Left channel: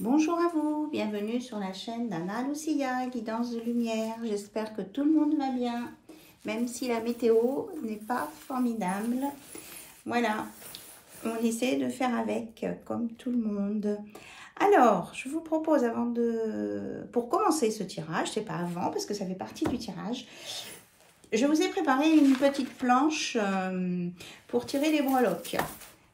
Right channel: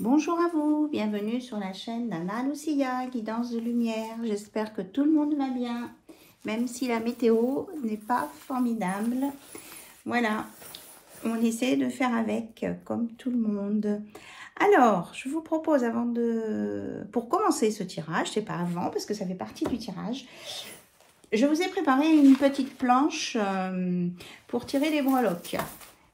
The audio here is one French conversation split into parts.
Bonjour à vous, bienvenue sur la chaîne d'Anna Lucia, guidance de lumière. J'espère que tout le monde va bien, même si la météo n'est pas formidable. Voilà, on essaie de faire avec, comme tout le monde. Alors, je vous propose pour commencer ce tirage, c'est pas avant parce que ça fait partie du tirage, je vous ai préparé une petite planche pour tirer les breloques.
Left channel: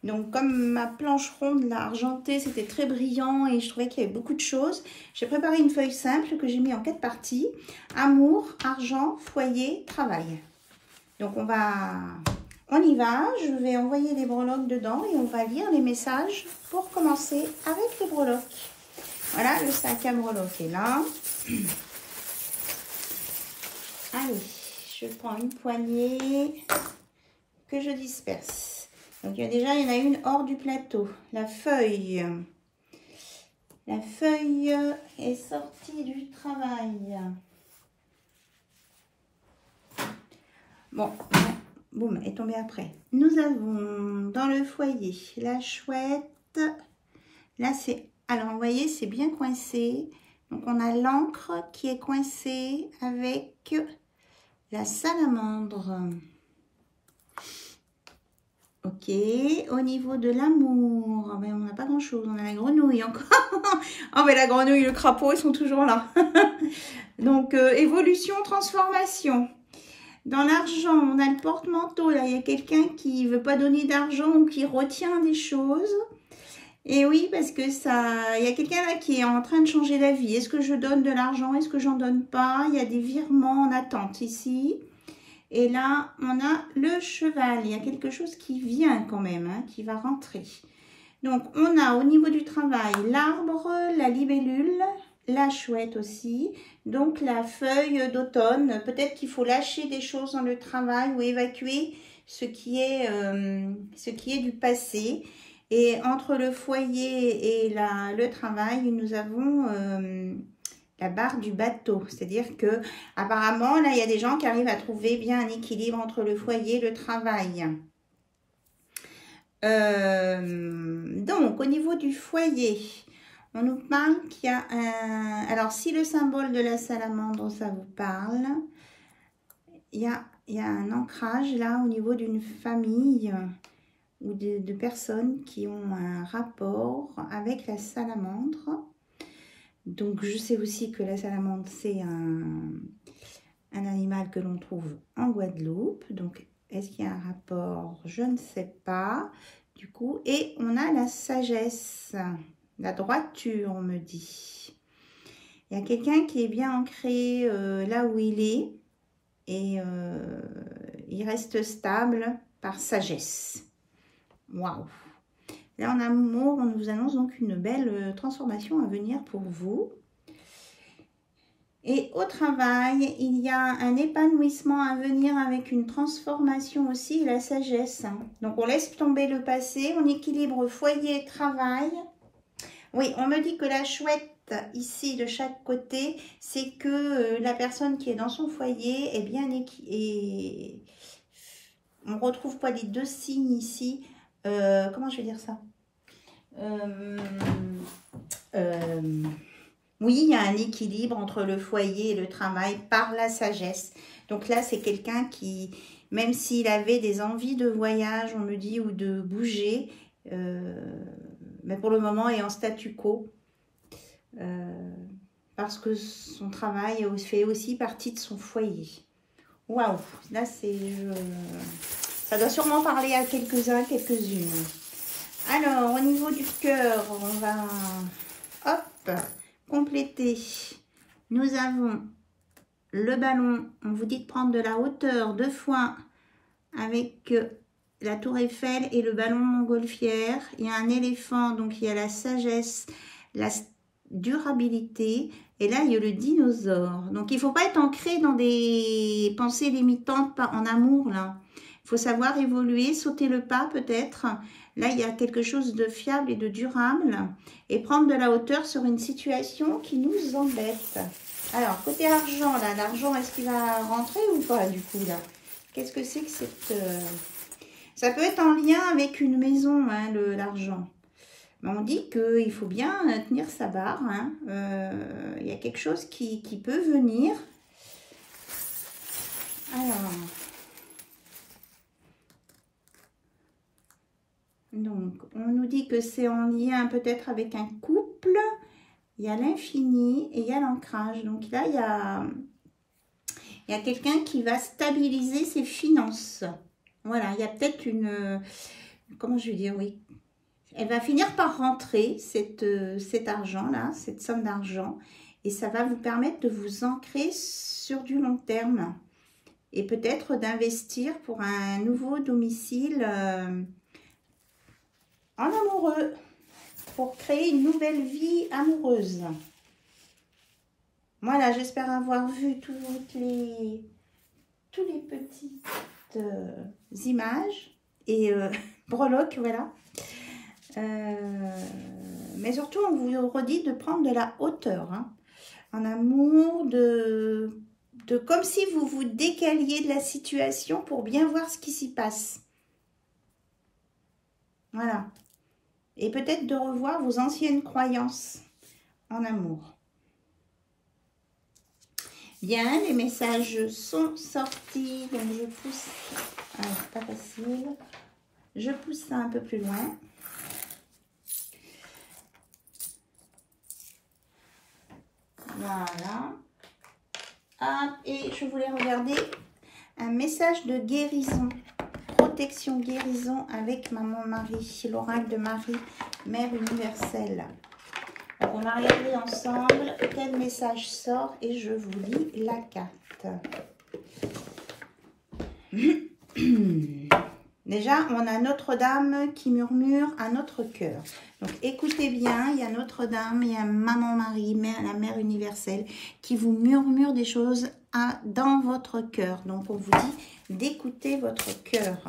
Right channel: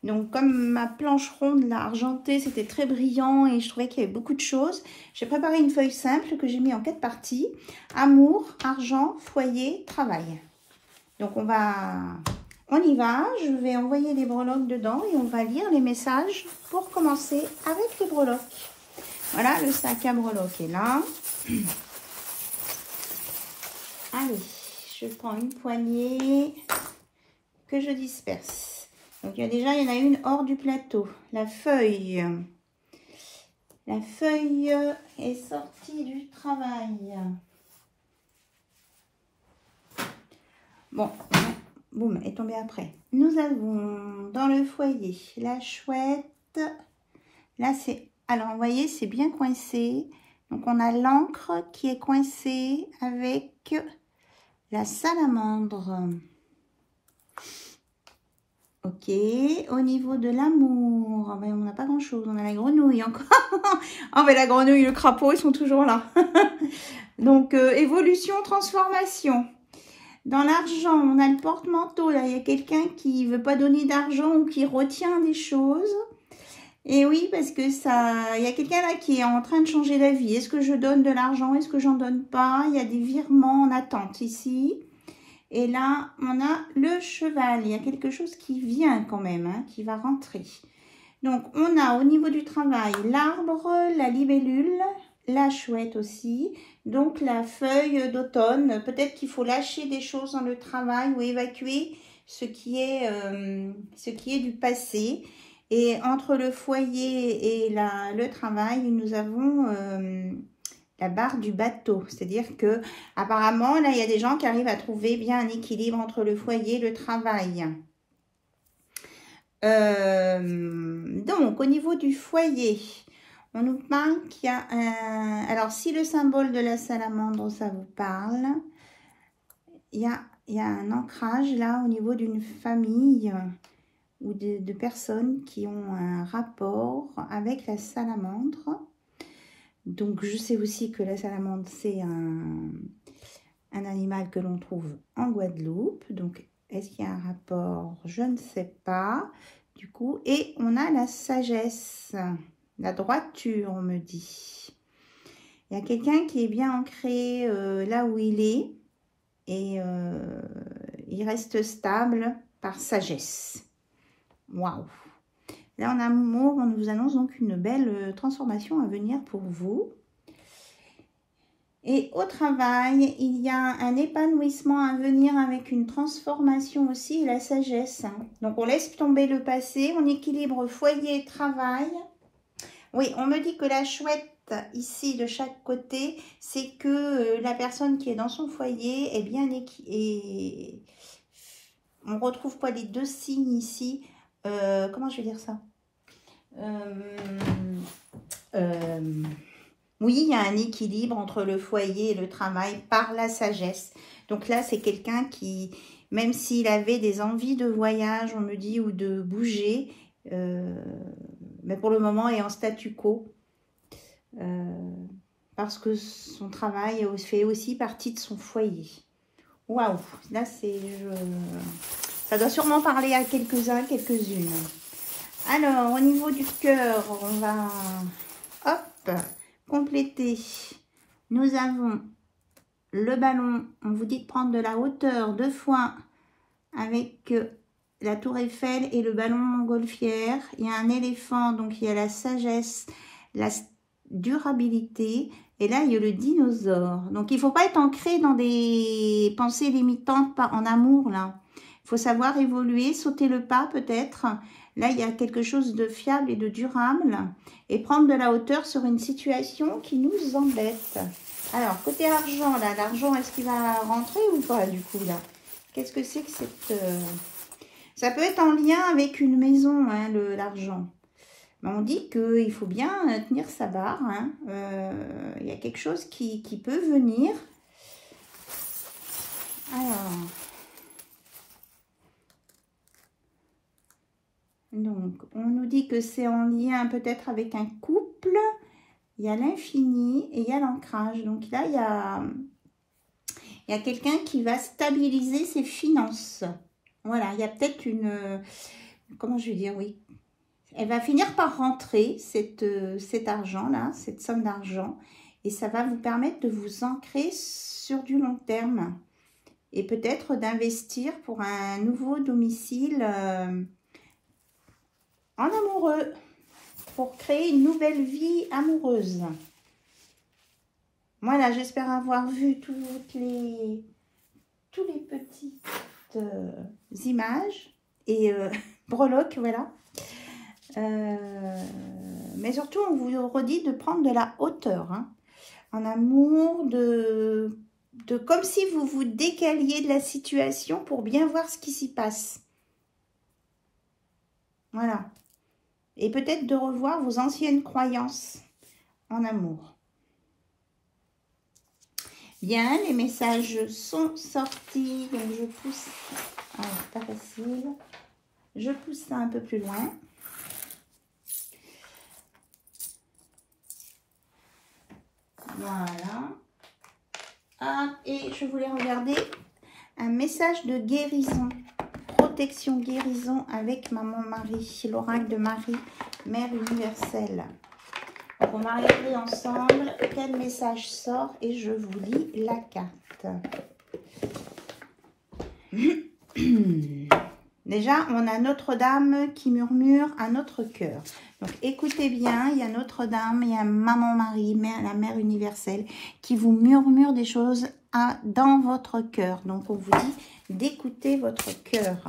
Donc, comme ma planche ronde, là, argentée, c'était très brillant et je trouvais qu'il y avait beaucoup de choses, j'ai préparé une feuille simple que j'ai mis en 4 parties. Amour, argent, foyer, travail. Donc, on y va. Je vais envoyer des breloques dedans et on va lire les messages pour commencer avec les breloques. Voilà, le sac à breloques est là. Allez, je prends une poignée que je disperse. Donc, il y en a une hors du plateau. La feuille est sortie du travail. Bon, boum, est tombée après. Nous avons dans le foyer la chouette. Là, alors, vous voyez, c'est bien coincé. Donc, on a l'encre qui est coincée avec la salamandre. Ok, au niveau de l'amour, ben, on n'a pas grand chose, on a la grenouille encore. Oh mais la grenouille et le crapaud, ils sont toujours là. Donc, évolution, transformation. Dans l'argent, on a le porte-manteau, là, il y a quelqu'un qui ne veut pas donner d'argent ou qui retient des choses. Et oui, parce que il y a quelqu'un là qui est en train de changer d'avis. Est-ce que je donne de l'argent? Est-ce que j'en donne pas? Il y a des virements en attente ici. Et là, on a le cheval. Il y a quelque chose qui vient quand même, hein, qui va rentrer. Donc, on a au niveau du travail l'arbre, la libellule, la chouette aussi. Donc, la feuille d'automne. Peut-être qu'il faut lâcher des choses dans le travail ou évacuer ce qui est du passé. Et entre le foyer et le travail, nous avons la barre du bateau, c'est-à-dire que apparemment là il y a des gens qui arrivent à trouver bien un équilibre entre le foyer et le travail. Donc au niveau du foyer, on nous parle qu'il y a un... Alors si le symbole de la salamandre ça vous parle, il y a un ancrage là au niveau d'une famille ou de personnes qui ont un rapport avec la salamandre. Donc, je sais aussi que la salamandre, c'est un animal que l'on trouve en Guadeloupe. Donc, est-ce qu'il y a un rapport? Je ne sais pas. Du coup, et on a la sagesse, la droiture, on me dit. Il y a quelqu'un qui est bien ancré là où il est. Et il reste stable par sagesse. Waouh! Là, en amour, on nous annonce donc une belle transformation à venir pour vous. Et au travail, il y a un épanouissement à venir avec une transformation aussi et la sagesse. Donc, on laisse tomber le passé, on équilibre foyer et travail. Oui, on me dit que la chouette, ici, de chaque côté, c'est que la personne qui est dans son foyer est bien équilibrée. On retrouve quoi les deux signes ici? Comment je vais dire ça? Oui, il y a un équilibre entre le foyer et le travail par la sagesse. Donc là, c'est quelqu'un qui, même s'il avait des envies de voyage, on me dit, ou de bouger, mais pour le moment est en statu quo. Parce que son travail fait aussi partie de son foyer. Waouh, là c'est... ça doit sûrement parler à quelques-uns, quelques-unes. Alors, au niveau du cœur, on va, hop, compléter. Nous avons le ballon. On vous dit de prendre de la hauteur 2 fois avec la tour Eiffel et le ballon montgolfière. Il y a un éléphant, donc il y a la sagesse, la durabilité. Et là, il y a le dinosaure. Donc, il ne faut pas être ancré dans des pensées limitantes en amour, là. Il faut savoir évoluer, sauter le pas peut-être. Là, il y a quelque chose de fiable et de durable. Et prendre de la hauteur sur une situation qui nous embête. Alors, côté argent, là, l'argent, est-ce qu'il va rentrer ou pas, du coup, là? Qu'est-ce que c'est que cette... Ça peut être en lien avec une maison, hein, l'argent. On dit qu'il faut bien tenir sa barre. Hein. Il y a quelque chose qui peut venir. Alors. Donc, on nous dit que c'est en lien peut-être avec un couple. Il y a l'infini et il y a l'ancrage. Donc là, il y a quelqu'un qui va stabiliser ses finances. Voilà, il y a peut-être une... Comment je vais dire, oui. Elle va finir par rentrer, cet argent-là, cette somme d'argent. Et ça va vous permettre de vous ancrer sur du long terme. Et peut-être d'investir pour un nouveau domicile en amoureux. Pour créer une nouvelle vie amoureuse. Voilà, j'espère avoir vu toutes les petites images et breloques, voilà. Mais surtout, on vous redit de prendre de la hauteur, hein, en amour, de comme si vous vous décaliez de la situation pour bien voir ce qui s'y passe. Voilà. Et peut-être de revoir vos anciennes croyances en amour. Bien, les messages sont sortis. Donc je pousse. Alors, pas facile. Je pousse ça un peu plus loin. Voilà. Hop, et je voulais regarder un message de guérison. Protection, guérison avec Maman Marie, l'oracle de Marie, Mère universelle. Donc on va regarder ensemble quel message sort et je vous lis la carte. Déjà, on a Notre-Dame qui murmure à notre cœur. Donc écoutez bien, il y a Notre-Dame, il y a Maman Marie, la Mère universelle, qui vous murmure des choses dans votre cœur. Donc on vous dit d'écouter votre cœur.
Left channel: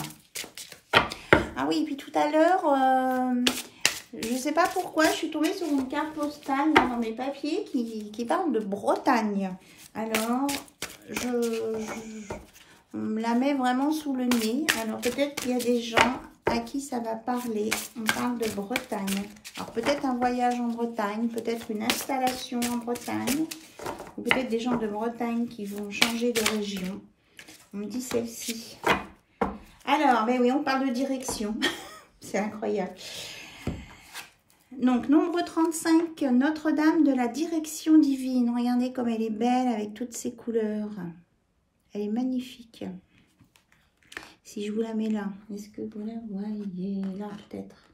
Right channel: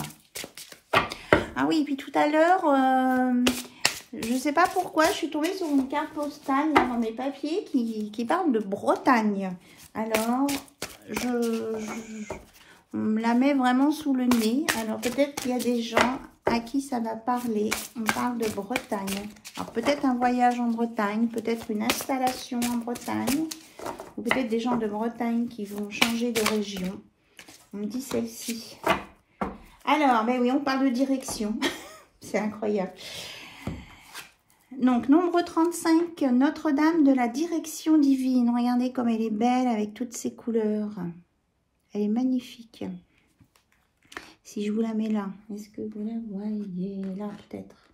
Ah oui, et puis tout à l'heure, je ne sais pas pourquoi, je suis tombée sur une carte postale là, dans mes papiers qui parle de Bretagne. Alors, on me la met vraiment sous le nez. Alors peut-être qu'il y a des gens à qui ça va parler. On parle de Bretagne. Alors peut-être un voyage en Bretagne, peut-être une installation en Bretagne, ou peut-être des gens de Bretagne qui vont changer de région. On me dit celle-ci. Alors, ben oui, on parle de direction. C'est incroyable. Donc, nombre 35, Notre-Dame de la direction divine. Regardez comme elle est belle avec toutes ses couleurs. Elle est magnifique. Si je vous la mets là, est-ce que vous la voyez là peut-être?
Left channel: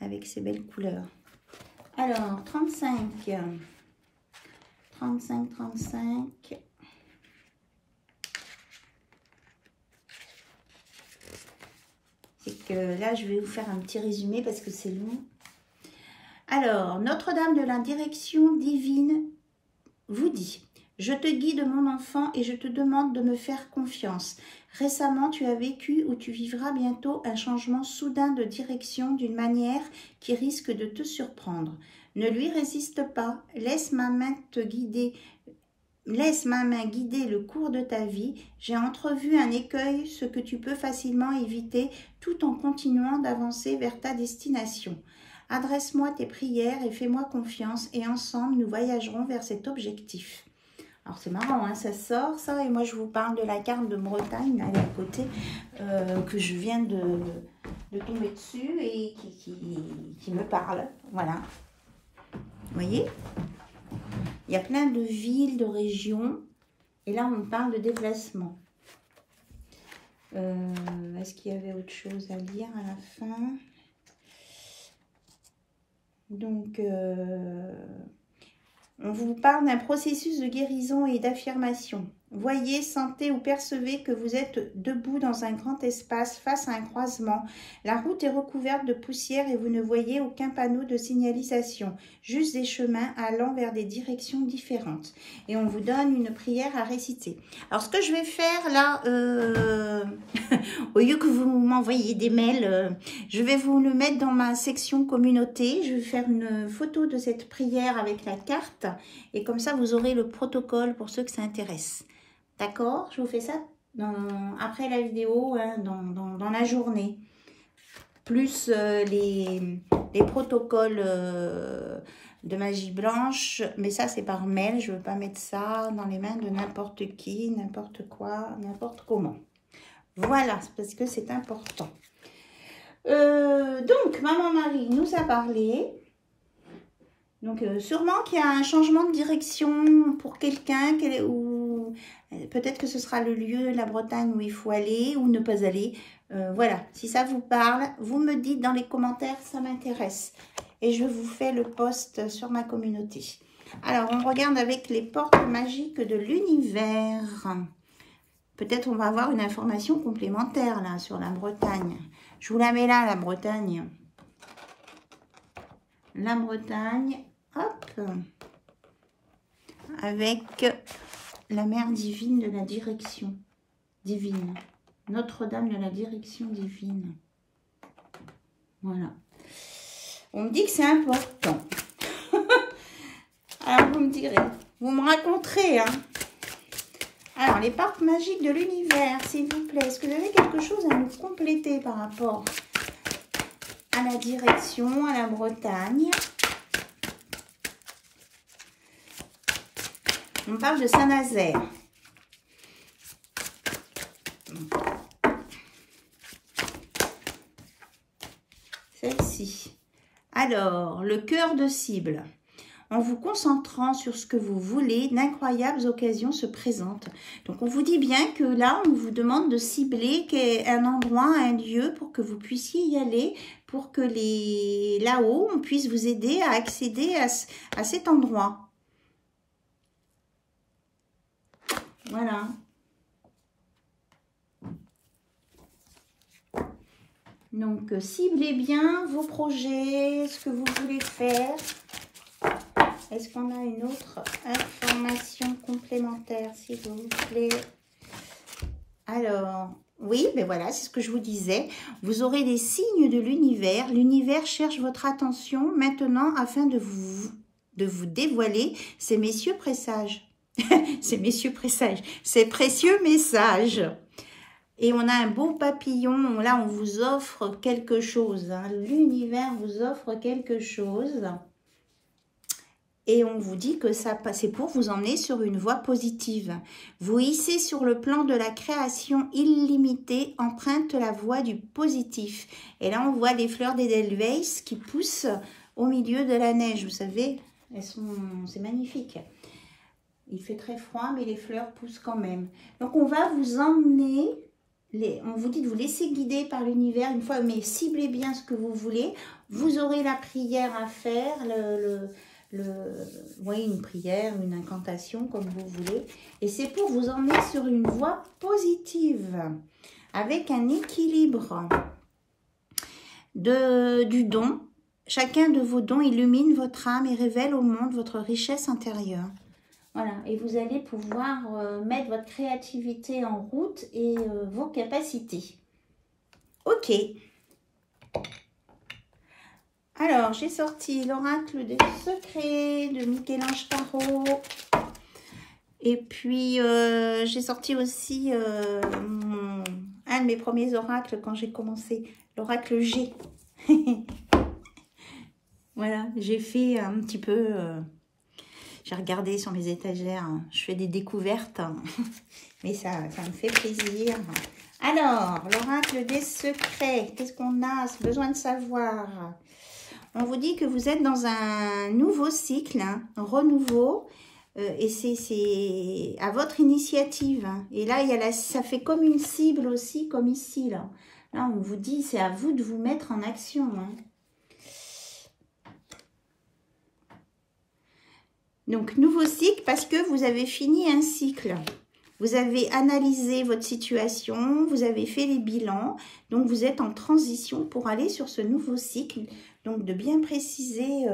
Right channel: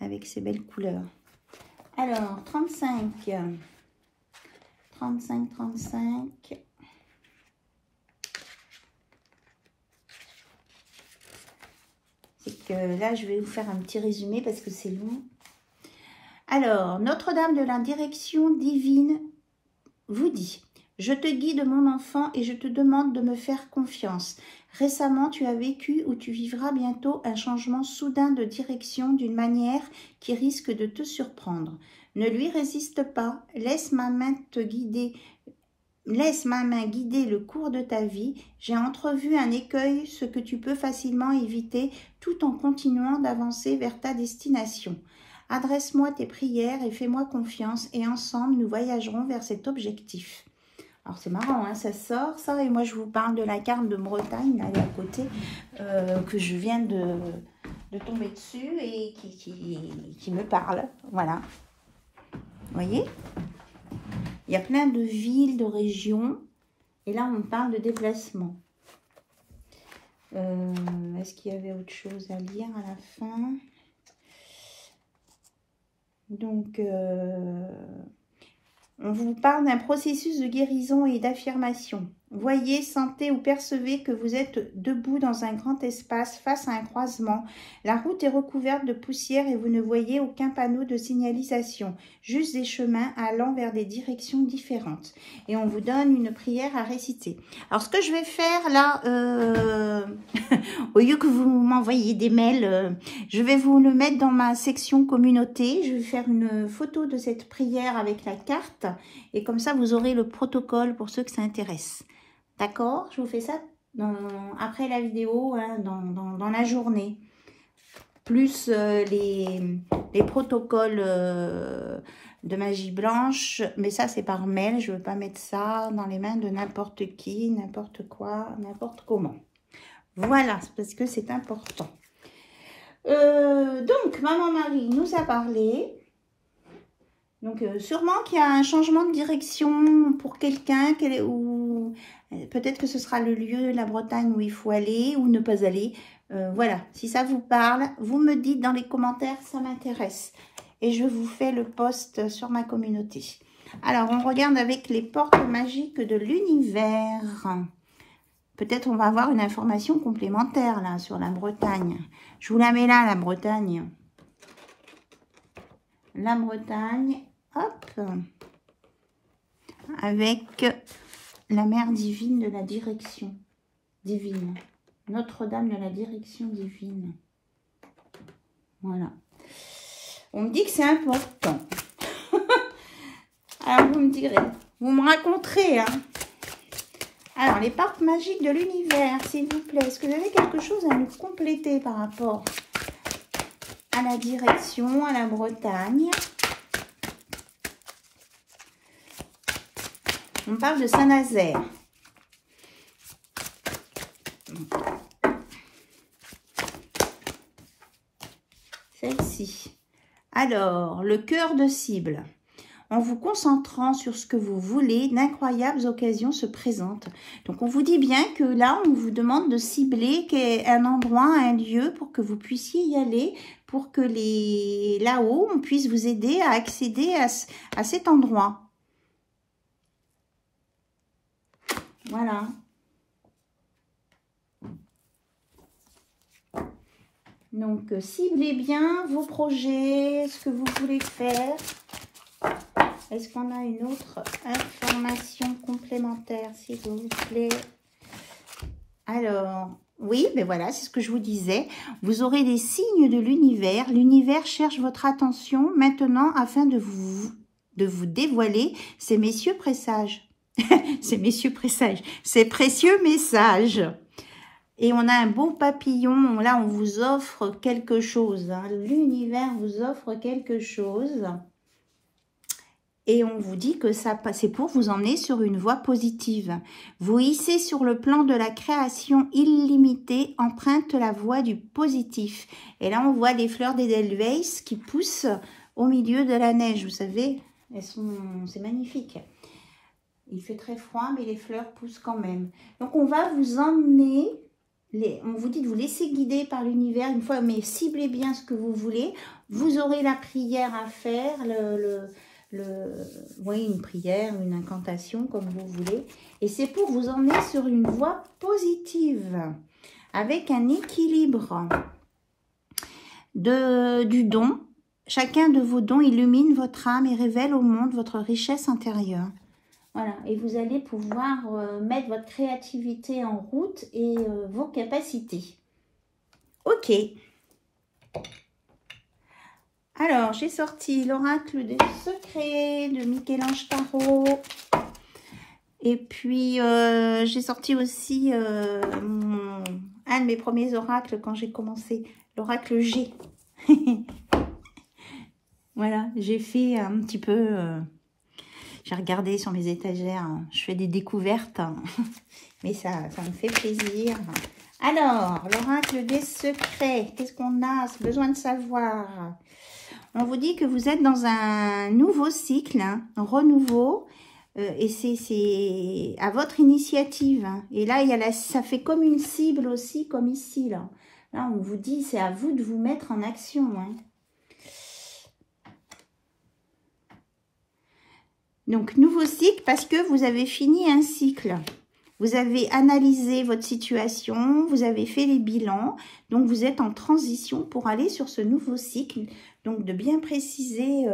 Avec ses belles couleurs. Alors, 35. 35, 35. C'est que là, je vais vous faire un petit résumé parce que c'est long. Alors, Notre-Dame de la direction divine vous dit: je te guide mon enfant et je te demande de me faire confiance. Récemment, tu as vécu ou tu vivras bientôt un changement soudain de direction d'une manière qui risque de te surprendre. Ne lui résiste pas, laisse ma main te guider. Laisse ma main guider le cours de ta vie. J'ai entrevu un écueil, ce que tu peux facilement éviter tout en continuant d'avancer vers ta destination. Adresse-moi tes prières et fais-moi confiance et ensemble nous voyagerons vers cet objectif. Alors c'est marrant, hein, ça sort ça et moi je vous parle de la carte de Bretagne là à côté que je viens de tomber dessus et qui me parle. Voilà. Vous voyez? Il y a plein de villes, de régions et là on parle de déplacement. Est-ce qu'il y avait autre chose à lire à la fin? Donc, on vous parle d'un processus de guérison et d'affirmation. Voyez, sentez ou percevez que vous êtes debout dans un grand espace face à un croisement. La route est recouverte de poussière et vous ne voyez aucun panneau de signalisation, juste des chemins allant vers des directions différentes. Et on vous donne une prière à réciter. Alors, ce que je vais faire là, au lieu que vous m'envoyiez des mails, je vais vous le mettre dans ma section communauté. Je vais faire une photo de cette prière avec la carte. Et comme ça, vous aurez le protocole pour ceux que ça intéresse. D'accord? Je vous fais ça après la vidéo, hein, dans la journée. plus les protocoles de magie blanche. Mais ça, c'est par mail. Je ne veux pas mettre ça dans les mains de n'importe qui, n'importe quoi, n'importe comment. Voilà, parce que c'est important. Donc, Maman Marie nous a parlé. Donc, sûrement qu'il y a un changement de direction pour quelqu'un, ou peut-être que ce sera le lieu, la Bretagne, où il faut aller ou ne pas aller. Voilà, si ça vous parle, vous me dites dans les commentaires, ça m'intéresse. Et je vous fais le post sur ma communauté. Alors, on regarde avec les portes magiques de l'univers. Peut-être on va avoir une information complémentaire là sur la Bretagne. Je vous la mets là, la Bretagne. La Bretagne, hop, avec la mère divine de la direction divine. Notre-Dame de la direction divine. Voilà. On me dit que c'est important. Alors, vous me direz, vous me raconterez, hein. Alors, les portes magiques de l'univers, s'il vous plaît. Est-ce que vous avez quelque chose à nous compléter par rapport à la direction, à la Bretagne? On parle de Saint-Nazaire. Celle-ci. Alors, le cœur de cible. En vous concentrant sur ce que vous voulez, d'incroyables occasions se présentent. Donc, on vous dit bien que là, on vous demande de cibler un endroit, un lieu pour que vous puissiez y aller, pour que là-haut, on puisse vous aider à accéder à cet endroit. Voilà. Donc, ciblez bien vos projets, ce que vous voulez faire. Est-ce qu'on a une autre information complémentaire, s'il vous plaît? Alors, oui, mais voilà, c'est ce que je vous disais. Vous aurez des signes de l'univers. L'univers cherche votre attention maintenant afin de vous dévoiler ces messieurs présages. Ces messieurs présages, ces précieux messages. Et on a un beau papillon. Là, on vous offre quelque chose. Hein. L'univers vous offre quelque chose. Et on vous dit que ça c'est pour vous emmener sur une voie positive. Vous hissez sur le plan de la création illimitée, emprunte la voie du positif. Et là, on voit des fleurs d'Edelweiss qui poussent au milieu de la neige. Vous savez, c'est magnifique. Il fait très froid, mais les fleurs poussent quand même. Donc, on va vous emmener, on vous dit de vous laisser guider par l'univers une fois, mais ciblez bien ce que vous voulez. Vous aurez la prière à faire, oui, une prière, une incantation, comme vous voulez. Et c'est pour vous emmener sur une voie positive, avec un équilibre du don. Chacun de vos dons illumine votre âme et révèle au monde votre richesse intérieure. Voilà, et vous allez pouvoir mettre votre créativité en route et vos capacités. Ok. Alors, j'ai sorti l'oracle des secrets de Michel-Ange Tarot. Et puis, j'ai sorti aussi un de mes premiers oracles quand j'ai commencé, l'oracle G. Voilà, j'ai fait un petit peu... j'ai regardé sur mes étagères, hein, je fais des découvertes, hein, mais ça me fait plaisir. Alors, l'oracle des secrets, qu'est-ce qu'on a besoin de savoir? On vous dit que vous êtes dans un nouveau cycle, hein, un renouveau, et c'est à votre initiative. Hein. Et là, ça fait comme une cible aussi, comme ici. Là, on vous dit, c'est à vous de vous mettre en action. Hein. Donc, nouveau cycle parce que vous avez fini un cycle. Vous avez analysé votre situation, vous avez fait les bilans. Donc, vous êtes en transition pour aller sur ce nouveau cycle. Donc, de bien préciser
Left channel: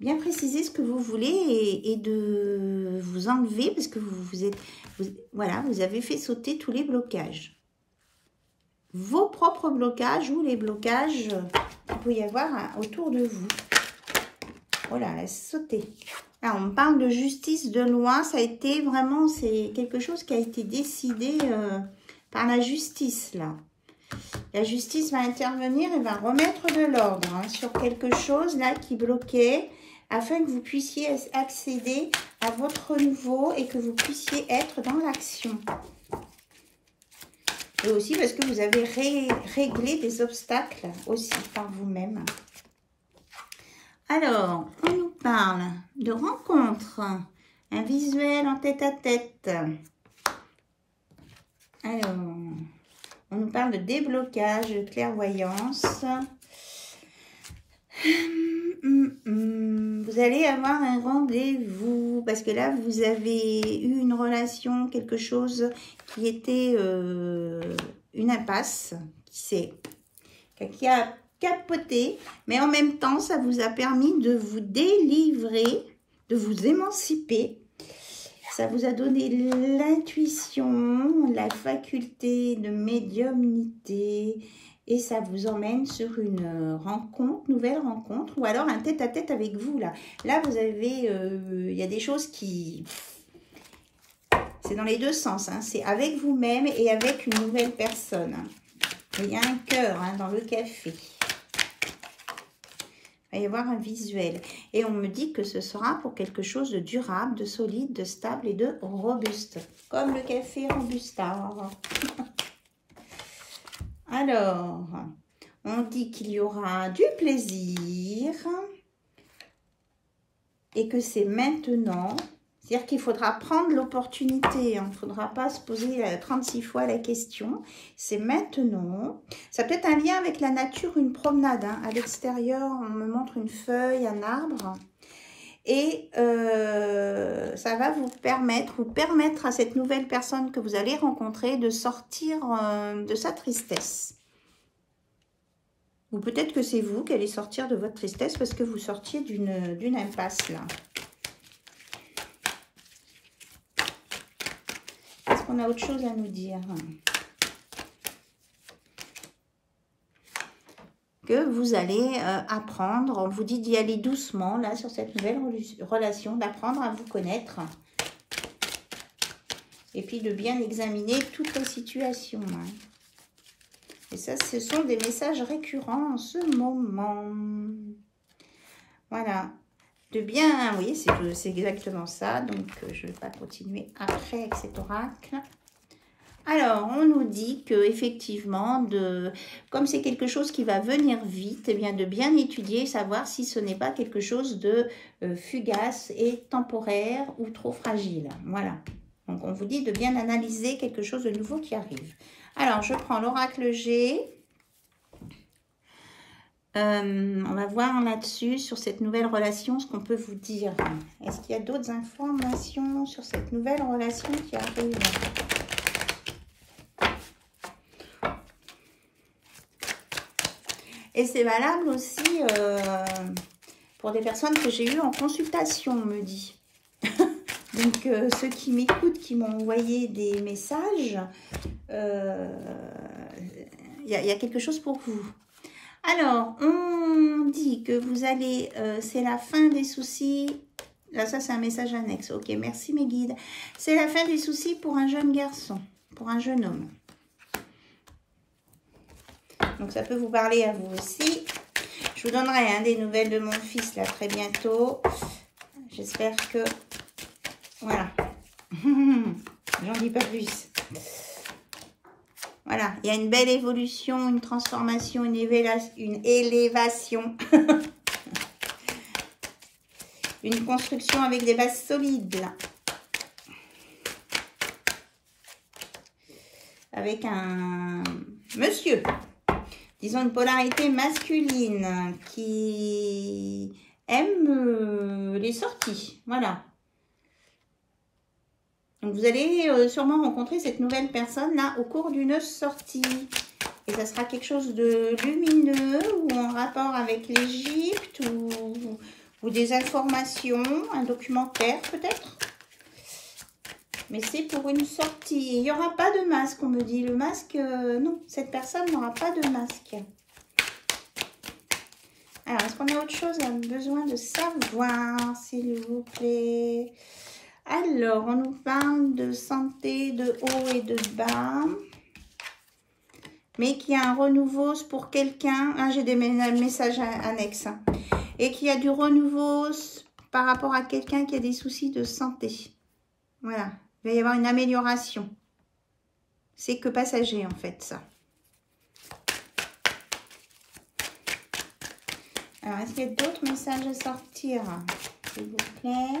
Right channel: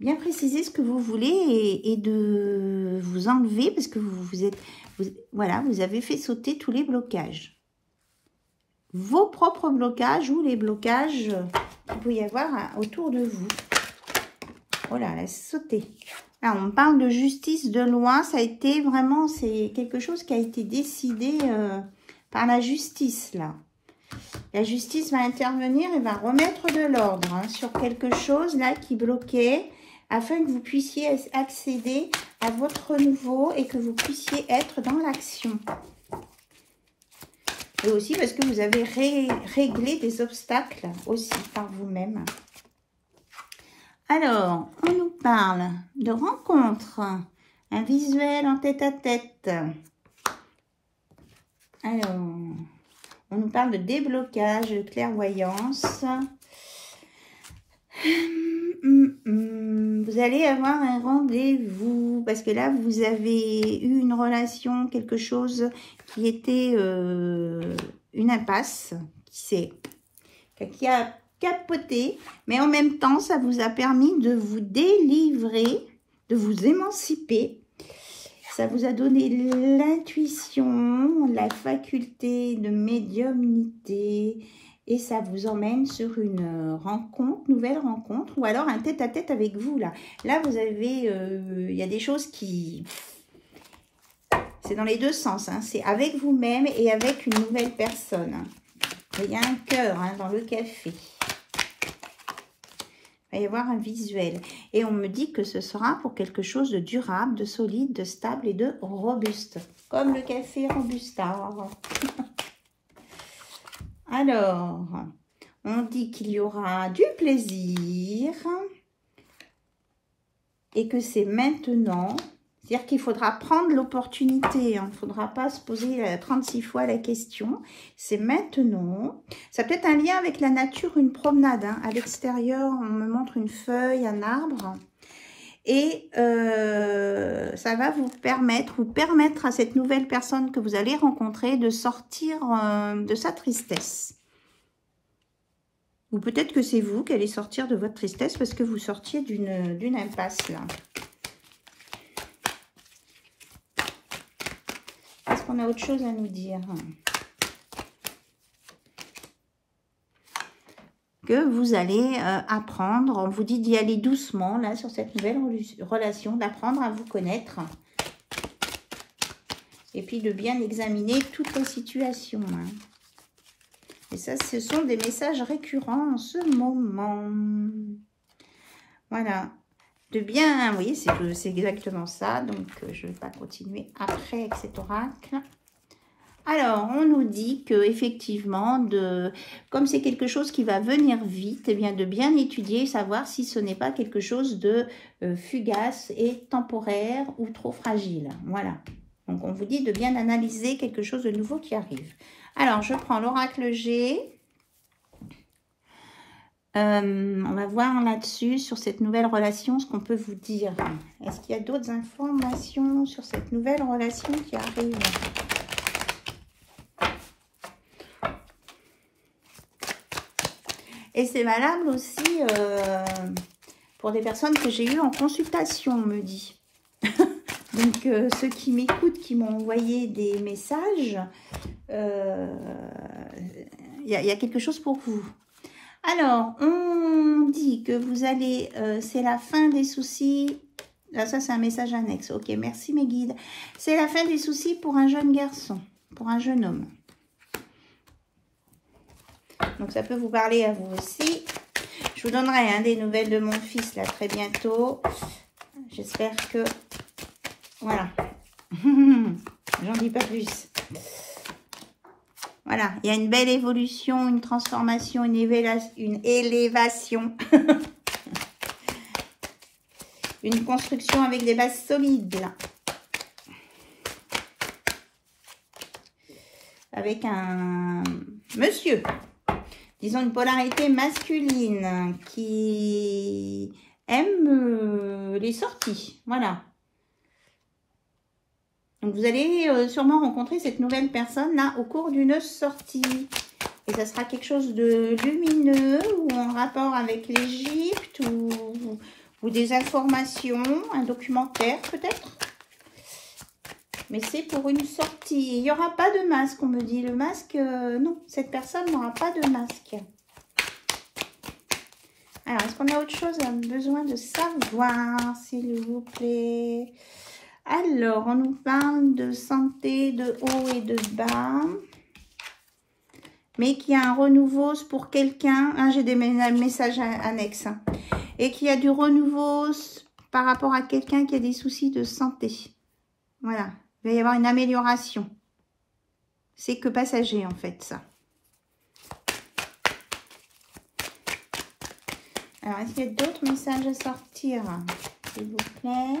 ce que vous voulez et de vous enlever parce que voilà, vous avez fait sauter tous les blocages. Vos propres blocages ou les blocages qu'il peut y avoir autour de vous. Voilà, laisse sauter. Là, on parle de justice, de loi. Ça a été vraiment, c'est quelque chose qui a été décidé par la justice, là. La justice va intervenir et va remettre de l'ordre hein, sur quelque chose là qui bloquait afin que vous puissiez accéder à votre renouveau et que vous puissiez être dans l'action. Et aussi parce que vous avez réglé des obstacles aussi par vous-même. Alors, on nous parle de rencontre, un visuel en tête-à-tête. Alors, on nous parle de déblocage, de clairvoyance. Vous allez avoir un rendez-vous parce que là, vous avez eu une relation, quelque chose qui était une impasse, qui a capoté, mais en même temps, ça vous a permis de vous délivrer, de vous émanciper. Ça vous a donné l'intuition, la faculté de médiumnité et ça vous emmène sur une rencontre, nouvelle rencontre ou alors un tête-à-tête avec vous. Là, vous avez, il y a des choses qui... C'est dans les deux sens, hein. C'est avec vous-même et avec une nouvelle personne. Il y a un cœur hein, dans le café. Il va y avoir un visuel. Et on me dit que ce sera pour quelque chose de durable, de solide, de stable et de robuste. Comme le café Robusta. Alors, on dit qu'il y aura du plaisir et que c'est maintenant. C'est-à-dire qu'il faudra prendre l'opportunité. Il ne faudra pas se poser 36 fois la question. C'est maintenant. Ça peut être un lien avec la nature, une promenade. Hein. À l'extérieur, on me montre une feuille, un arbre. Et ça va vous permettre à cette nouvelle personne que vous allez rencontrer de sortir de sa tristesse. Ou peut-être que c'est vous qui allez sortir de votre tristesse parce que vous sortiez d'une impasse là. Est-ce qu'on a autre chose à nous dire? Que vous allez apprendre, on vous dit d'y aller doucement là sur cette nouvelle relation, d'apprendre à vous connaître et puis de bien examiner toute la situation. Et ça, ce sont des messages récurrents en ce moment. Voilà. De bien, oui, c'est exactement ça. Donc, je ne vais pas continuer après avec cet oracle. Alors, on nous dit que effectivement, comme c'est quelque chose qui va venir vite, eh bien de bien étudier, savoir si ce n'est pas quelque chose de fugace et temporaire ou trop fragile. Voilà. Donc, on vous dit de bien analyser quelque chose de nouveau qui arrive. Alors, je prends l'oracle G. On va voir là-dessus, sur cette nouvelle relation, ce qu'on peut vous dire. Est-ce qu'il y a d'autres informations sur cette nouvelle relation qui arrive ? Et c'est valable aussi pour des personnes que j'ai eues en consultation, on me dit. Donc, ceux qui m'écoutent, qui m'ont envoyé des messages, il y a quelque chose pour vous. Alors, on dit que vous allez, c'est la fin des soucis. Là, ça, c'est un message annexe. Ok, merci mes guides. C'est la fin des soucis pour un jeune garçon, pour un jeune homme. Donc, ça peut vous parler à vous aussi. Je vous donnerai des nouvelles de mon fils, là, très bientôt. J'espère que... Voilà. J'en dis pas plus. Voilà. Il y a une belle évolution, une transformation, une élévation. Une construction avec des bases solides. Avec un monsieur. Disons une polarité masculine qui aime les sorties. Voilà. Donc, vous allez sûrement rencontrer cette nouvelle personne-là au cours d'une sortie. Et ça sera quelque chose de lumineux ou en rapport avec l'Égypte ou des informations, un documentaire peut-être. Mais c'est pour une sortie. Il n'y aura pas de masque, on me dit. Le masque, non, cette personne n'aura pas de masque. Alors, est-ce qu'on a autre chose à besoin de savoir, s'il vous plaît? Alors, on nous parle de santé, de haut et de bas. mais qui a un renouveau pour quelqu'un. Hein, j'ai des messages annexes. Hein, et qui a du renouveau par rapport à quelqu'un qui a des soucis de santé. Voilà. Il va y avoir une amélioration. C'est que passager, en fait, ça. Alors, est-ce qu'il y a d'autres messages à sortir, s'il vous plaît?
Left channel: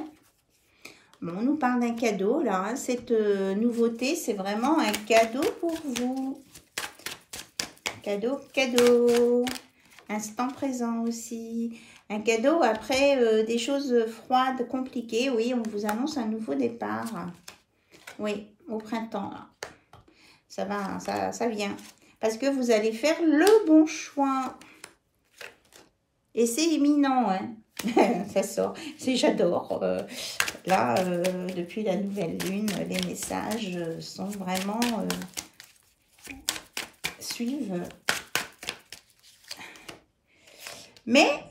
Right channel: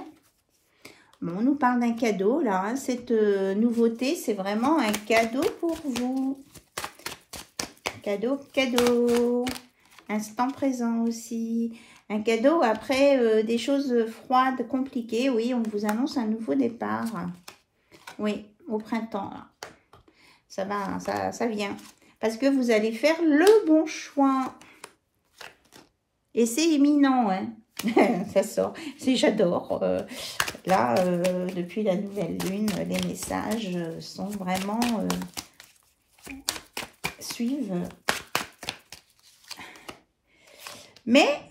Bon, on nous parle d'un cadeau, là. Hein. Cette nouveauté, c'est vraiment un cadeau pour vous. Cadeau, cadeau. Instant présent aussi. Un cadeau après des choses froides, compliquées. Oui, on vous annonce un nouveau départ. Oui, au printemps, là. Ça va, ça vient. Parce que vous allez faire le bon choix. Et c'est imminent, hein. Ça sort. J'adore. Là, depuis la nouvelle lune, les messages sont vraiment... suivent. Mais...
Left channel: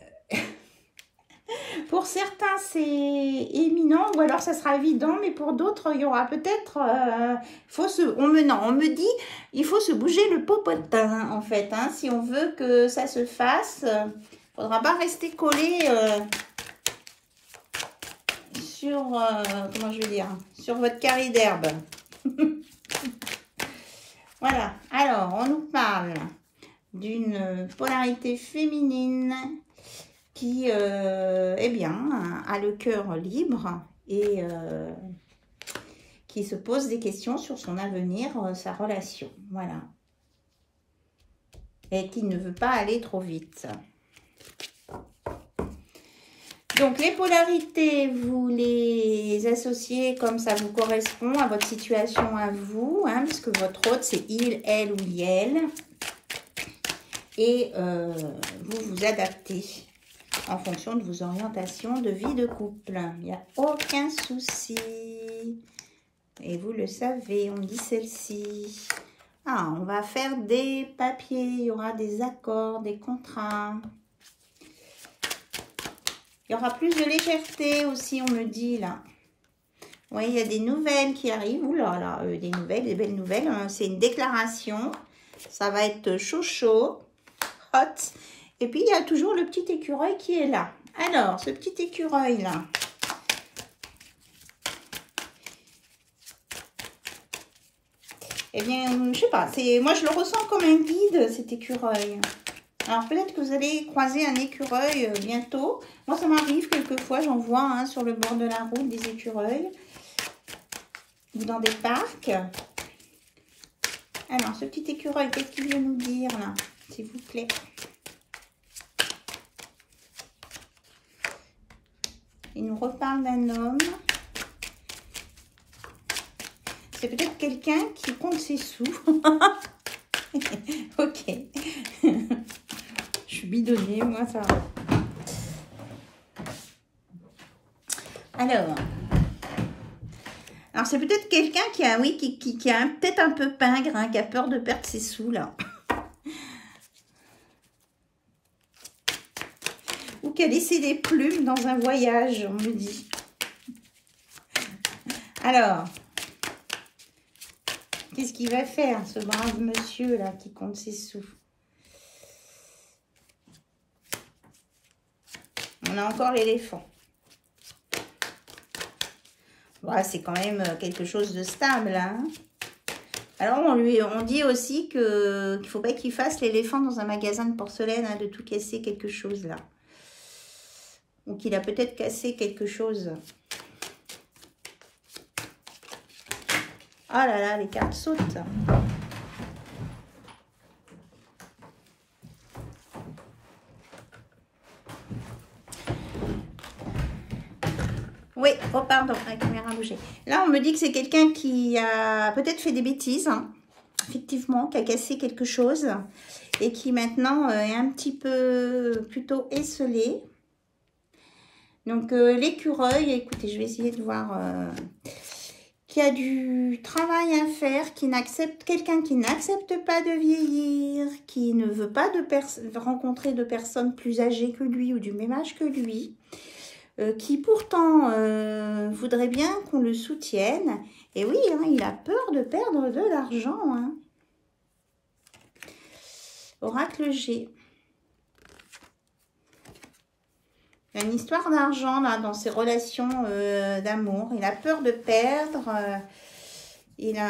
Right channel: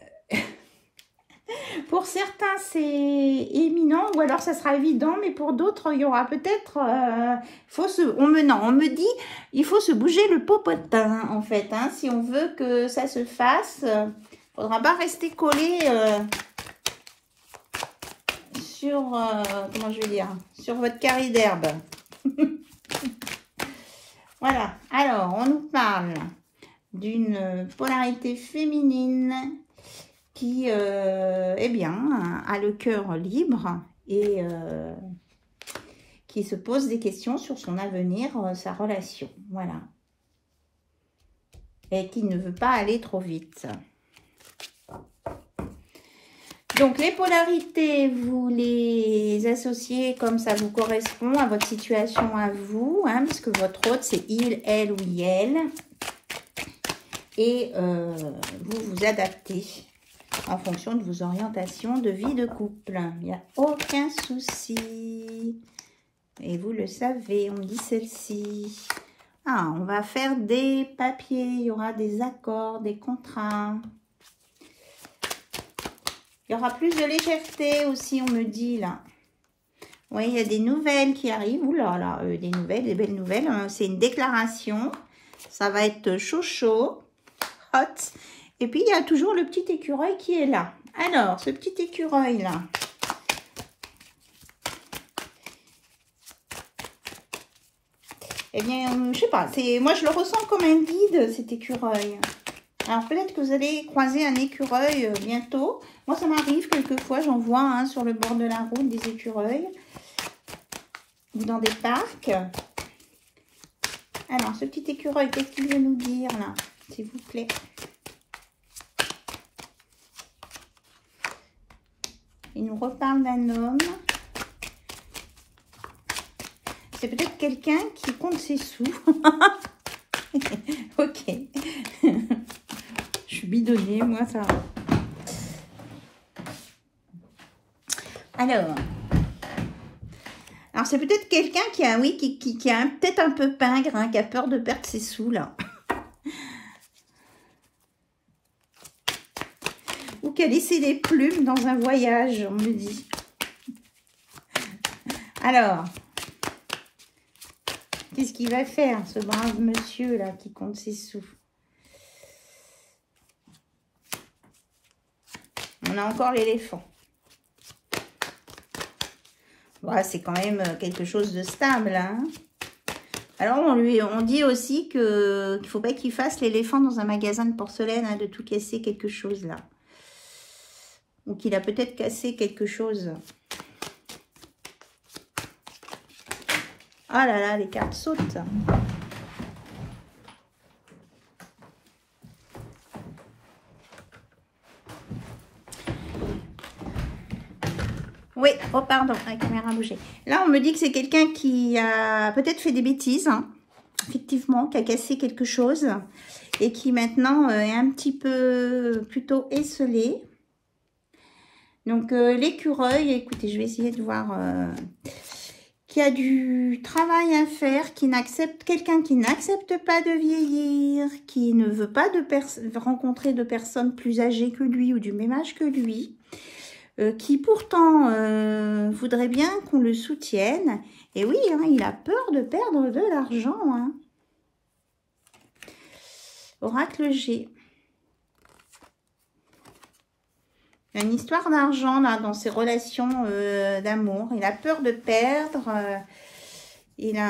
pour certains, c'est éminent, ou alors ça sera évident, mais pour d'autres, il y aura peut-être... on me dit, il faut se bouger le popotin, en fait. Hein, si on veut que ça se fasse, il ne faudra pas rester collé sur... comment je vais dire? Sur votre carré d'herbe. Voilà. Alors, on nous parle d'une polarité féminine qui, eh bien, a le cœur libre et qui se pose des questions sur son avenir, sa relation. Voilà. Et qui ne veut pas aller trop vite. Donc, les polarités, vous les associez comme ça vous correspond à votre situation à vous, hein, parce que votre hôte, c'est il, elle ou elle. Et vous vous adaptez en fonction de vos orientations de vie de couple. Il n'y a aucun souci. Et vous le savez, on dit celle-ci. Ah, on va faire des papiers, il y aura des accords, des contrats. Il y aura plus de légèreté aussi, on me dit là. Oui, il y a des nouvelles qui arrivent. Ouh là là, des nouvelles, des belles nouvelles. C'est une déclaration. Ça va être chaud, chaud, hot. Et puis, il y a toujours le petit écureuil qui est là. Alors, ce petit écureuil là. Eh bien, je sais pas. Moi, je le ressens comme un guide, cet écureuil. Alors, peut-être que vous allez croiser un écureuil bientôt. Moi, ça m'arrive quelquefois, j'en vois hein, sur le bord de la route des écureuils. Ou dans des parcs. Alors, ce petit écureuil, qu'est-ce qu'il veut nous dire, là, s'il vous plaît? Il nous reparle d'un homme. C'est peut-être quelqu'un qui compte ses sous. Ok. Je suis bidonnée, moi, ça va. Alors c'est peut-être quelqu'un qui a, oui, qui a peut-être un peu pingre, hein, qui a peur de perdre ses sous, là. Ou qui a laissé des plumes dans un voyage, on me dit. Alors, qu'est-ce qu'il va faire, ce brave monsieur, là, qui compte ses sous? On a encore l'éléphant. Voilà, c'est quand même quelque chose de stable. Hein. Alors, on dit aussi qu'il ne faut pas qu'il fasse l'éléphant dans un magasin de porcelaine, hein, de tout casser quelque chose là. Ou qu'il a peut-être cassé quelque chose. Oh là là, les cartes sautent. Oui, oh pardon, la caméra a bougé. Là, on me dit que c'est quelqu'un qui a peut-être fait des bêtises, hein, effectivement, qui a cassé quelque chose et qui maintenant est un petit peu plutôt esselé. Donc, l'écureuil, écoutez, je vais essayer de voir, qui a du travail à faire, quelqu'un qui n'accepte pas de vieillir, qui ne veut pas rencontrer de personnes plus âgées que lui ou du même âge que lui. Qui pourtant voudrait bien qu'on le soutienne. Et oui, hein, il a peur de perdre de l'argent. Hein. Oracle G. Il y a une histoire d'argent là dans ses relations d'amour. Il a peur de perdre. Il a...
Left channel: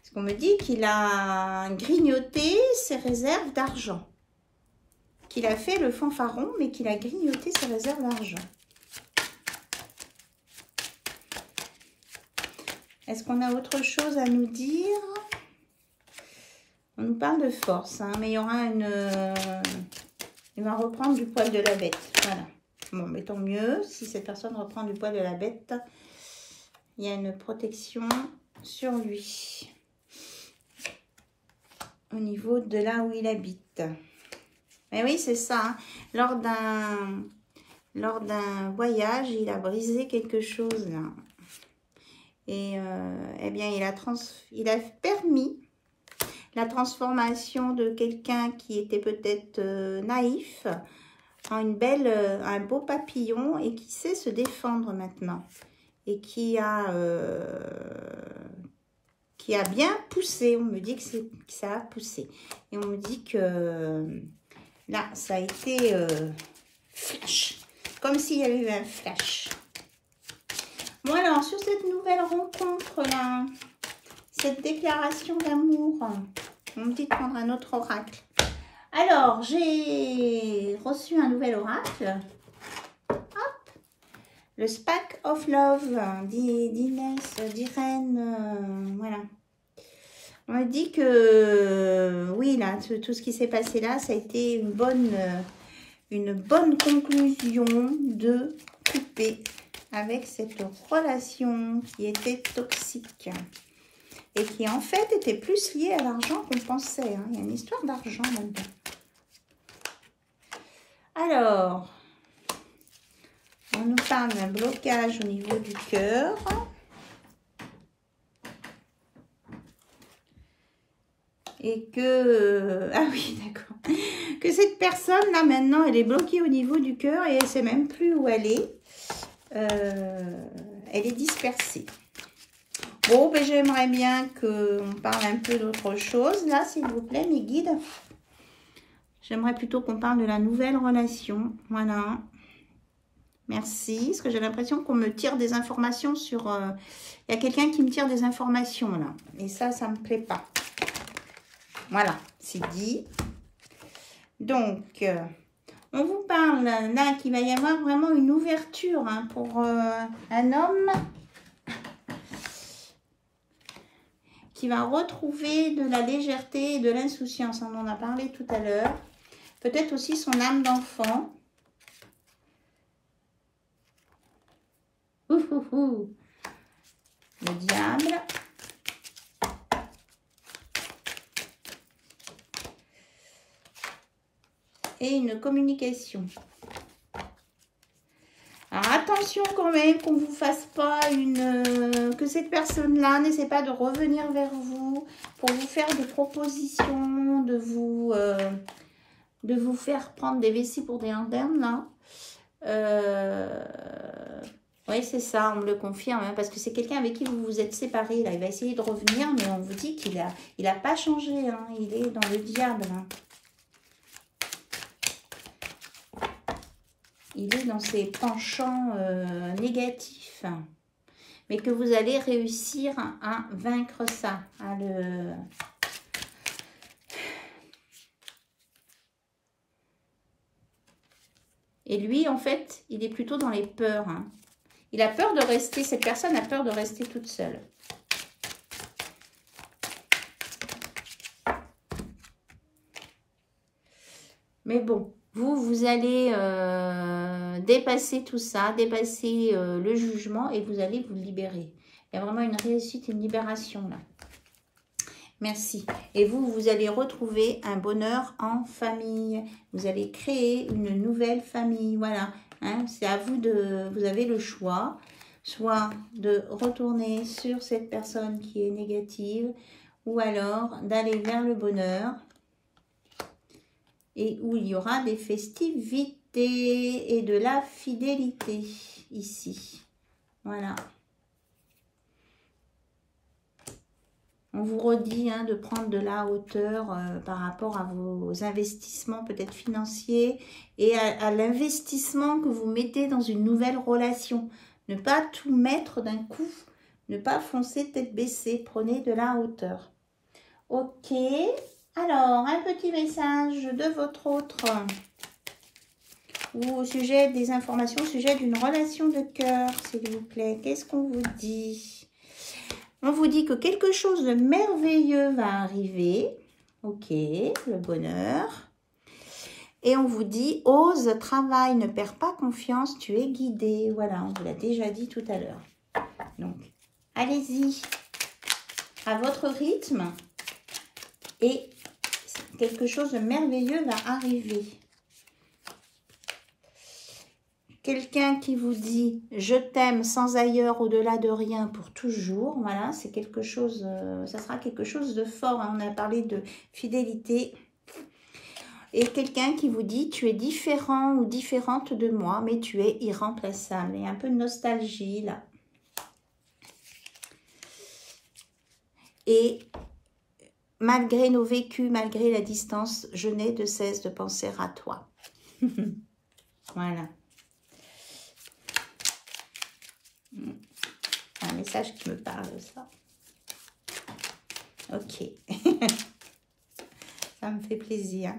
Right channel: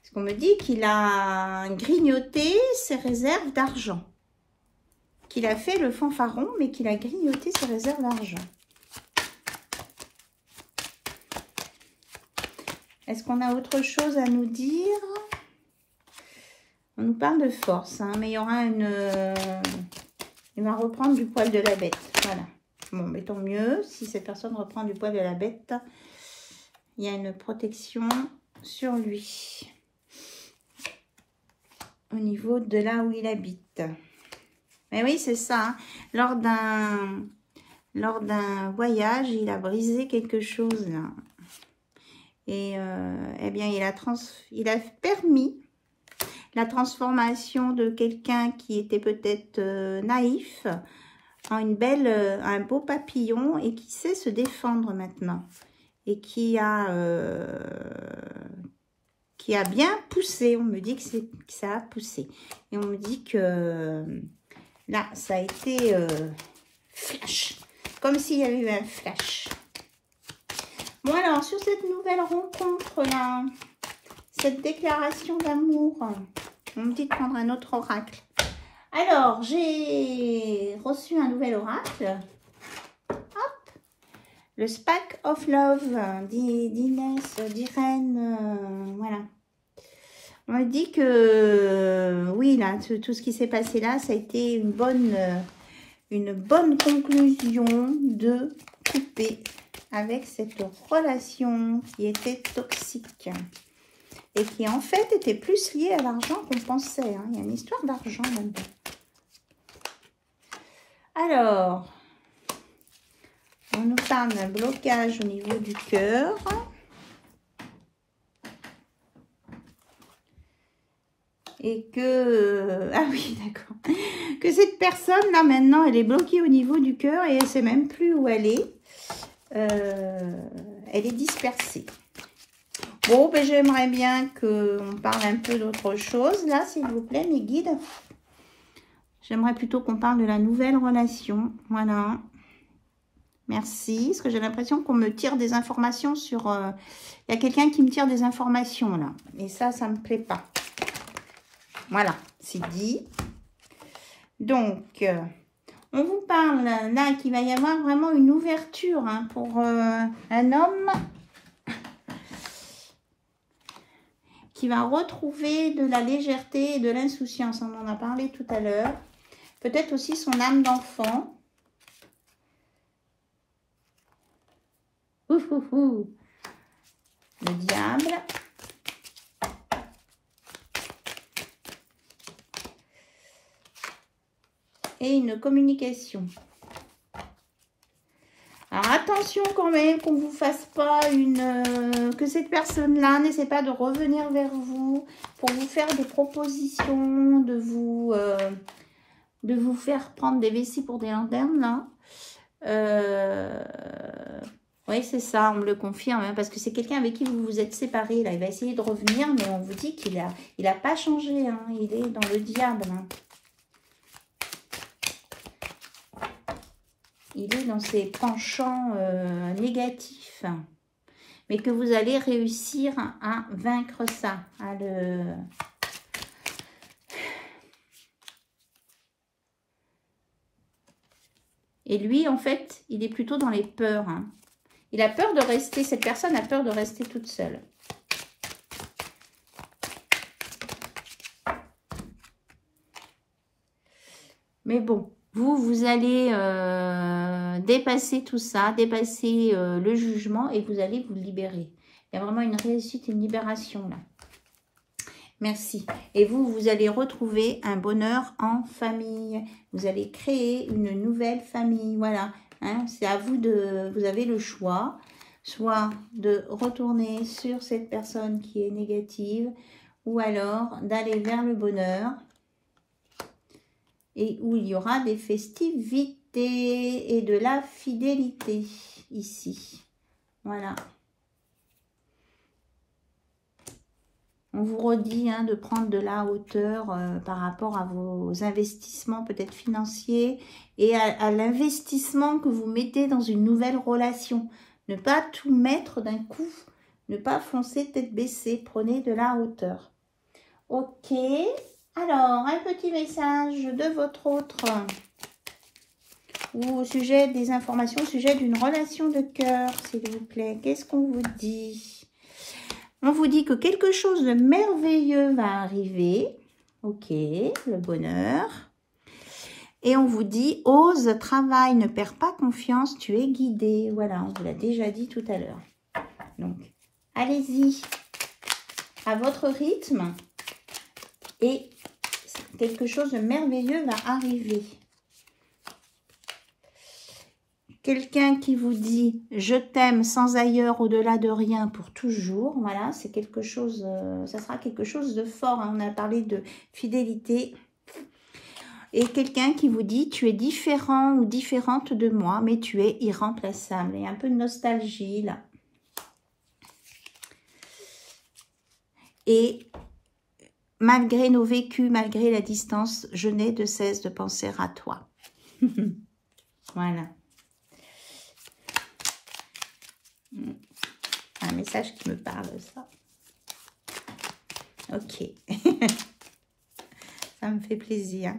Parce qu'on me dit qu'il a grignoté ses réserves d'argent. Qu'il a fait le fanfaron, mais qu'il a grignoté ses réserves d'argent. Est-ce qu'on a autre chose à nous dire? On nous parle de force, hein, mais il y aura une... il va reprendre du poil de la bête. Voilà. Bon, mais tant mieux. Si cette personne reprend du poil de la bête, il y a une protection sur lui. Au niveau de là où il habite. Mais oui, c'est ça. Hein. Lors d'un voyage, il a brisé quelque chose là. Et eh bien, il a permis la transformation de quelqu'un qui était peut-être naïf en un beau papillon et qui sait se défendre maintenant. Et qui a bien poussé. On me dit que ça a poussé. Et on me dit que là, ça a été flash. Comme s'il y avait eu un flash. Bon alors, sur cette nouvelle rencontre-là, cette déclaration d'amour, on me dit de prendre un autre oracle. Alors, j'ai reçu un nouvel oracle. Hop, le Spark of Love d'Inès, d'Irène, voilà. On me dit que, oui, là, tout ce qui s'est passé là, ça a été une bonne conclusion de couper avec cette relation qui était toxique et qui en fait était plus liée à l'argent qu'on pensait. Hein. Il y a une histoire d'argent là-dedans. Alors, on nous parle d'un blocage au niveau du cœur. Et que, ah oui, d'accord, que cette personne là maintenant, elle est bloquée au niveau du cœur et elle ne sait même plus où elle est. Elle est dispersée. Bon, ben, j'aimerais bien qu'on parle un peu d'autre chose. Là, s'il vous plaît, mes guides. J'aimerais plutôt qu'on parle de la nouvelle relation. Voilà. Merci. Parce que j'ai l'impression qu'on me tire des informations sur... Il y a quelqu'un qui me tire des informations, là. Et ça ne me plaît pas. Voilà, c'est dit. Donc... on vous parle là qu'il va y avoir vraiment une ouverture hein, pour un homme qui va retrouver de la légèreté et de l'insouciance. On en a parlé tout à l'heure. Peut-être aussi son âme d'enfant. Le diable. Et une communication. Alors attention quand même qu'on ne vous fasse pas que cette personne-là n'essaie pas de revenir vers vous pour vous faire des propositions, de vous faire prendre des vessies pour des lanternes là. Oui, c'est ça, on me le confirme, hein, parce que c'est quelqu'un avec qui vous vous êtes séparés. Là, il va essayer de revenir, mais on vous dit qu'il a pas changé. Hein, il est dans le diable. Hein. Il est dans ses penchants négatifs. Mais que vous allez réussir à vaincre ça. Et lui, en fait, il est plutôt dans les peurs. Hein. Il a peur de rester, cette personne a peur de rester toute seule. Mais bon, vous allez dépasser tout ça, dépasser le jugement et vous allez vous libérer. Il y a vraiment une réussite, une libération là. Merci. Et vous allez retrouver un bonheur en famille. Vous allez créer une nouvelle famille. Voilà. Hein, c'est à vous vous avez le choix. Soit de retourner sur cette personne qui est négative. Ou alors d'aller vers le bonheur. Et où il y aura des festivités. loyauté et de la fidélité ici. Voilà. On vous redit de prendre de la hauteur par rapport à vos investissements peut-être financiers et à l'investissement que vous mettez dans une nouvelle relation. Ne pas tout mettre d'un coup, ne pas foncer tête baissée, prenez de la hauteur. Ok, alors un petit message de votre autre ou au sujet des informations, au sujet d'une relation de cœur, s'il vous plaît. Qu'est-ce qu'on vous dit ? On vous dit que quelque chose de merveilleux va arriver. Ok, le bonheur. Et on vous dit, ose, travaille, ne perds pas confiance, tu es guidé. Voilà, on vous l'a déjà dit tout à l'heure. Donc, allez-y à votre rythme. Et quelque chose de merveilleux va arriver. Quelqu'un qui vous dit « Je t'aime sans ailleurs, au-delà de rien, pour toujours ». Voilà, c'est quelque chose, ça sera quelque chose de fort. On a parlé de fidélité. Et quelqu'un qui vous dit « Tu es différent ou différente de moi, mais tu es irremplaçable ». Il y a un peu de nostalgie là. Et malgré nos vécus, malgré la distance, je n'ai de cesse de penser à toi. Voilà. Un message qui me parle, ça. Ok. Ça me fait plaisir.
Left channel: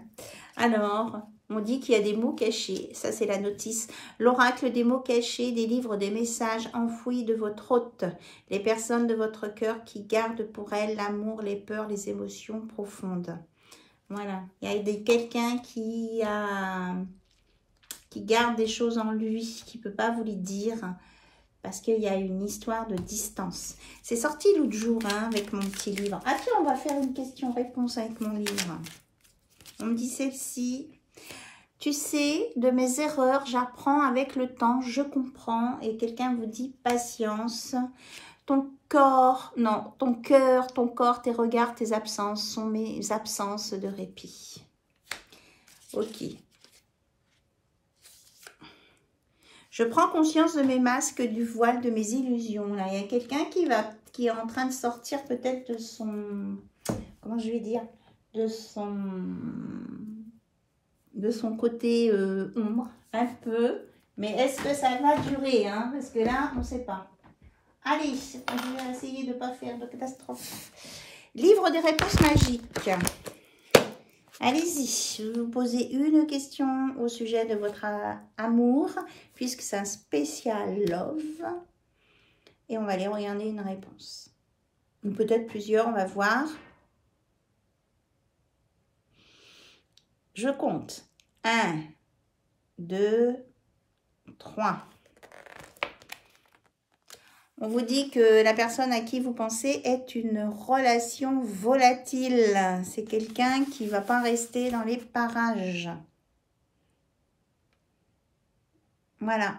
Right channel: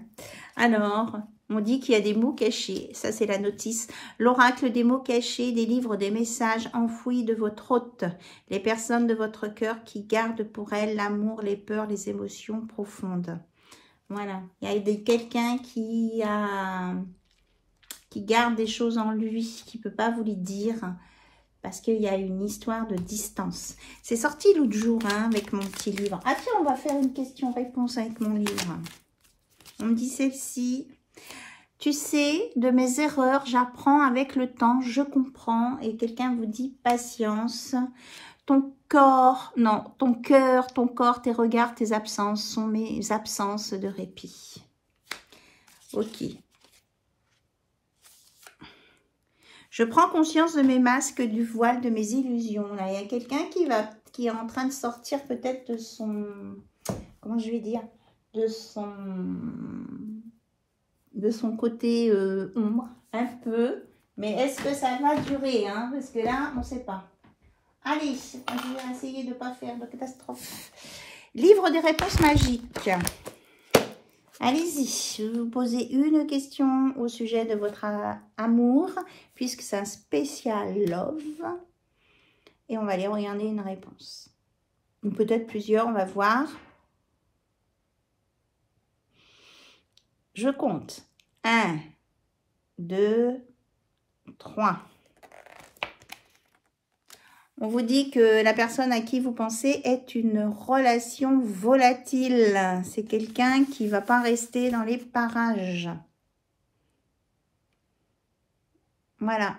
Alors, on dit qu'il y a des mots cachés. Ça, c'est la notice. L'oracle des mots cachés délivre des messages enfouis de votre hôte. Les personnes de votre cœur qui gardent pour elles l'amour, les peurs, les émotions profondes. Voilà. Il y a quelqu'un qui garde des choses en lui, qui ne peut pas vous les dire. Parce qu'il y a une histoire de distance. C'est sorti l'autre jour avec mon petit livre. Ah tiens, on va faire une question-réponse avec mon livre. On me dit celle-ci. Tu sais, de mes erreurs, j'apprends avec le temps, je comprends. Et quelqu'un vous dit patience. Ton corps, non, ton cœur, ton corps, tes regards, tes absences sont mes absences de répit. Ok. Je prends conscience de mes masques, du voile, de mes illusions. Là, il y a quelqu'un qui est en train de sortir peut-être de son... Comment je vais dire? De son côté ombre, un peu. Mais est-ce que ça va durer parce que là, on ne sait pas. Allez, je vais essayer de ne pas faire de catastrophe. Livre des réponses magiques. Allez-y, je vais vous poser une question au sujet de votre amour, puisque c'est un spécial love. Et on va aller regarder une réponse. Ou peut-être plusieurs, on va voir. Je compte. 1, 2, 3. On vous dit que la personne à qui vous pensez est une relation volatile. C'est quelqu'un qui ne va pas rester dans les parages. Voilà.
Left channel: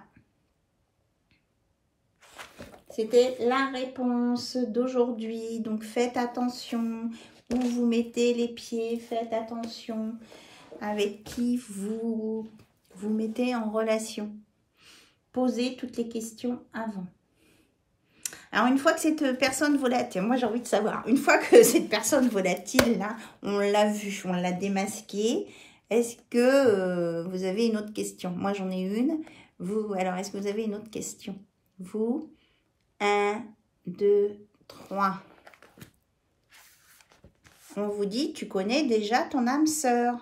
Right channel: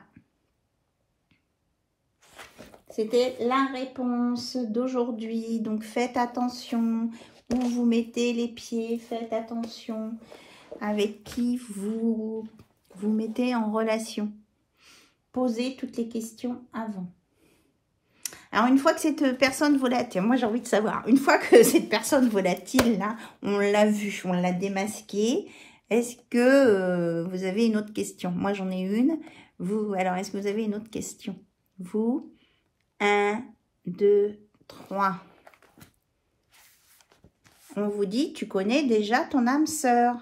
C'était la réponse d'aujourd'hui. Donc faites attention où vous mettez les pieds. Faites attention avec qui vous mettez en relation. Posez toutes les questions avant. Alors, une fois que cette personne volatile, moi j'ai envie de savoir, une fois que cette personne volatile, là, on l'a vue, on l'a démasquée, est-ce que vous avez une autre question? Moi j'en ai une. Vous, alors est-ce que vous avez une autre question? Vous, 1, 2, 3. On vous dit, tu connais déjà ton âme sœur.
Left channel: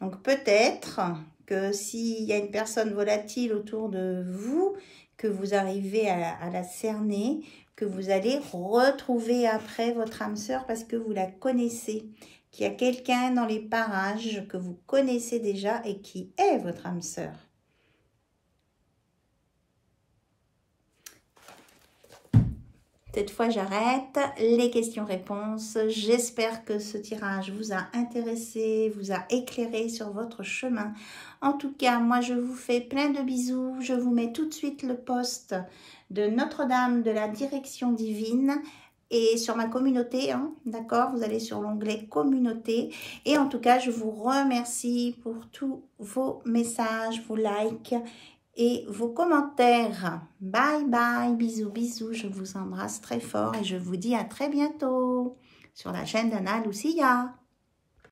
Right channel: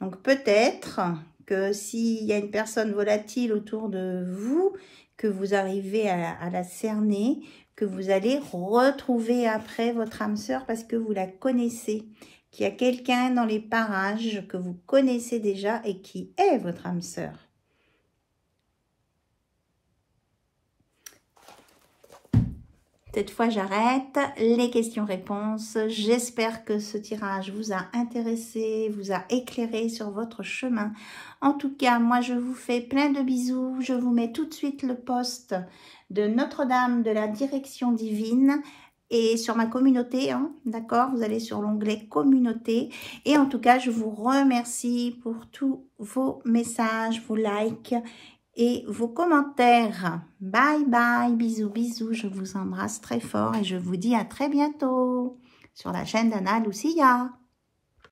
Donc peut-être que s'il y a une personne volatile autour de vous, que vous arrivez à la cerner, que vous allez retrouver après votre âme sœur parce que vous la connaissez, qu'il y a quelqu'un dans les parages que vous connaissez déjà et qui est votre âme sœur. Cette fois, j'arrête les questions-réponses. J'espère que ce tirage vous a intéressé, vous a éclairé sur votre chemin. En tout cas, moi, je vous fais plein de bisous. Je vous mets tout de suite le post de Notre-Dame de la Direction Divine et sur ma communauté, hein, d'accord? Vous allez sur l'onglet communauté. Et en tout cas, je vous remercie pour tous vos messages, vos likes et vos commentaires. Bye bye, bisous, bisous. Je vous embrasse très fort et je vous dis à très bientôt sur la chaîne d'Anna Lucia.